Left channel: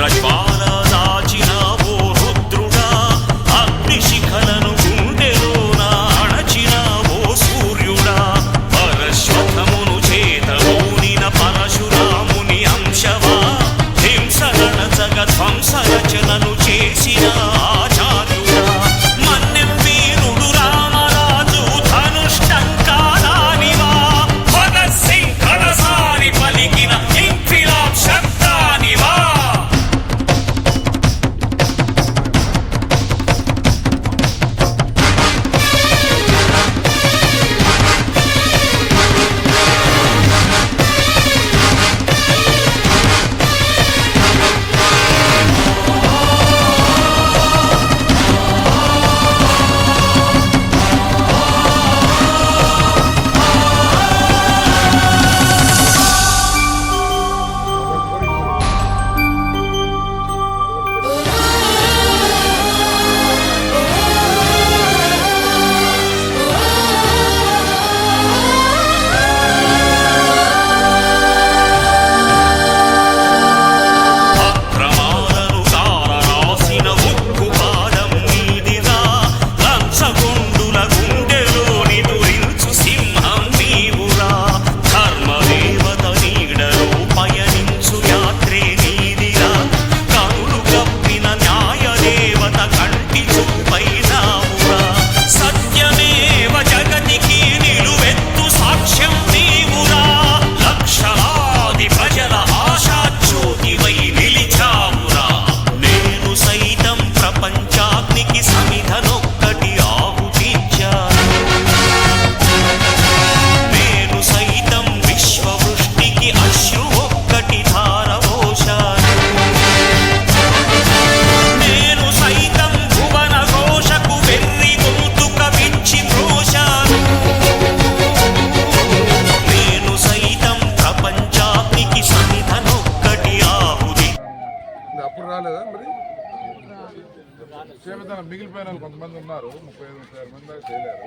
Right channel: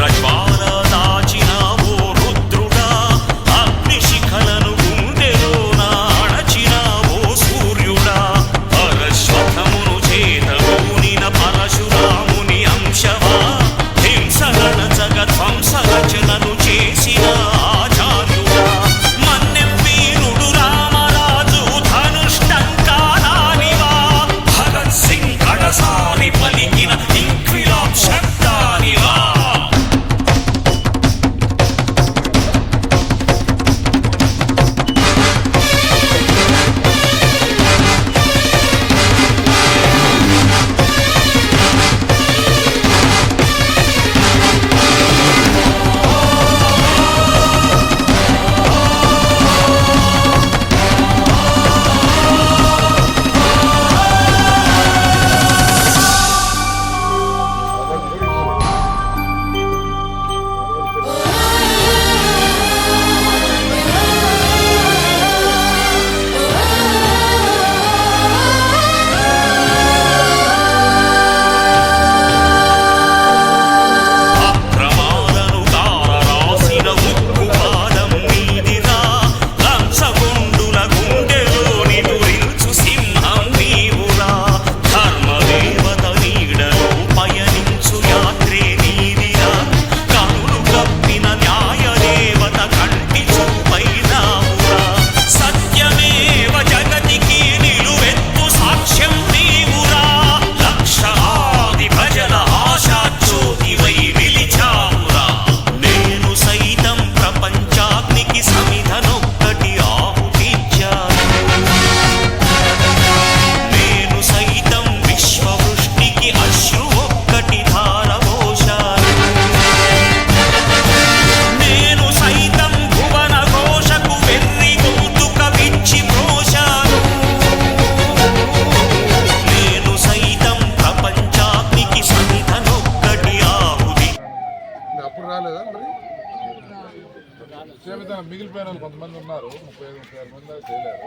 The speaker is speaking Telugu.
ఉగ్రజ్వాల దాచిన ఓ రుద్రుడా, అగ్నిశిఖలను గుండెలోన అణచిన ఓ సూర్యుడా, పరశ్వథమును చేతబూనిన పరశురాముని అంశవా, హింసగణచగ ధ్వంసరచనను చేసిన ఆచార్యుడా, మన్నెం వీరుడు రామరాజు ధనుష్టంకారానివా, భగత్ సింగ్ కడసారి పలికిన ఇంక్విలాబ్ శబ్దానివా. యాత్రే నీదిరా, కనులు కప్పిన న్యాయదేవత కంటి చూపైనావురా, సత్యమేవ జగతికి నిలువెత్తు సాక్ష్యం నీవురా, లక్షలాది ప్రజల ఆశాజ్యోతివై నిలిచావురా. నేను సైతం ప్రపంచాగ్నికి సమిధనొక్కటి ఆహుతిచ్చాను, నేను సైతం విశ్వవృష్టికి అశ్రు ఒక్కటి ధారవోశాను, నేను సైతం భువన ఘోషకు వెర్రి గొంతుక విచ్చి మ్రోశాను, నేను సైతం ప్రపంచాగ్నికి సమిధనొక్కటి ఆహుతి. అప్పుడు రాలేదా మరి మిగిలిపోయిన కొంతమంది ఉన్నారు, 35-36 మంది చేయలేరు.